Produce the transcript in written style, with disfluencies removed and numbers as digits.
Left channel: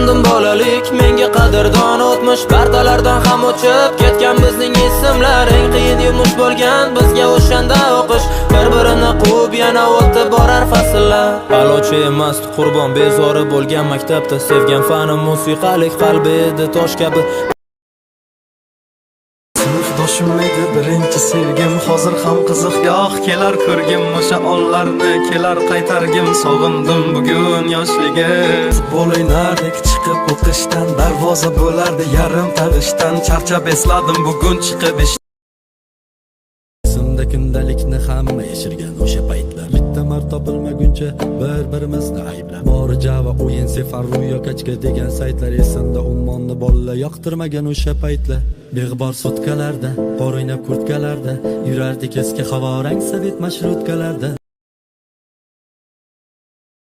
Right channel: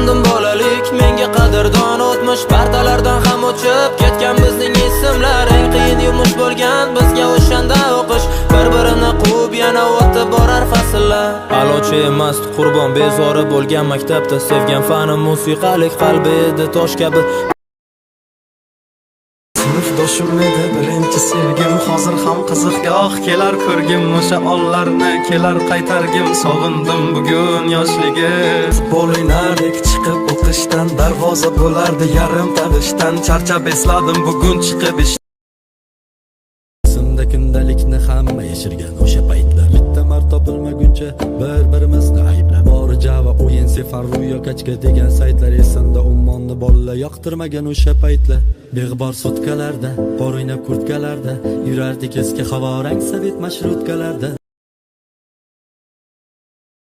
sog'indim bolalik, menga qadrdon o'tmish partalardan ham o'chib ketgan bizning ismlar. Eng qiyin yumush bo'lgan bizga o'shanda o'qish, bir-birini quvib yana o'tib borar fasllar. A'lochi emas qurbon bezori bo'lgan maktabda, sevgan fanim musiqalik, qalbi edi tosh kabi. Sinfdoshim edi birinchi sevgim, hozir ham qiziqgoh kelar ko'rgim. O'sha onlarni kelar qaytargim, sog'indim bugun yoshligim. Futbol o'ynardik chiqib o'qishdan, darvoza bo'lardi yarim tag'ishdan. Charchab esladim bugun chiqib Esimda kundalikni hamma yashirgan o'sha paytlar. Bitta mar topilmaguncha bir-birimizni ayblab, bor Java o'yin sefar ro'yo kachka degan saytlar. Esimda ummonni bolalar yoqtirmagan o'sha paytlar. Beg'bor sutkalarda, bor o'ynab kurtkalarda, yurardik eski havorang sovet mashrutkalarda.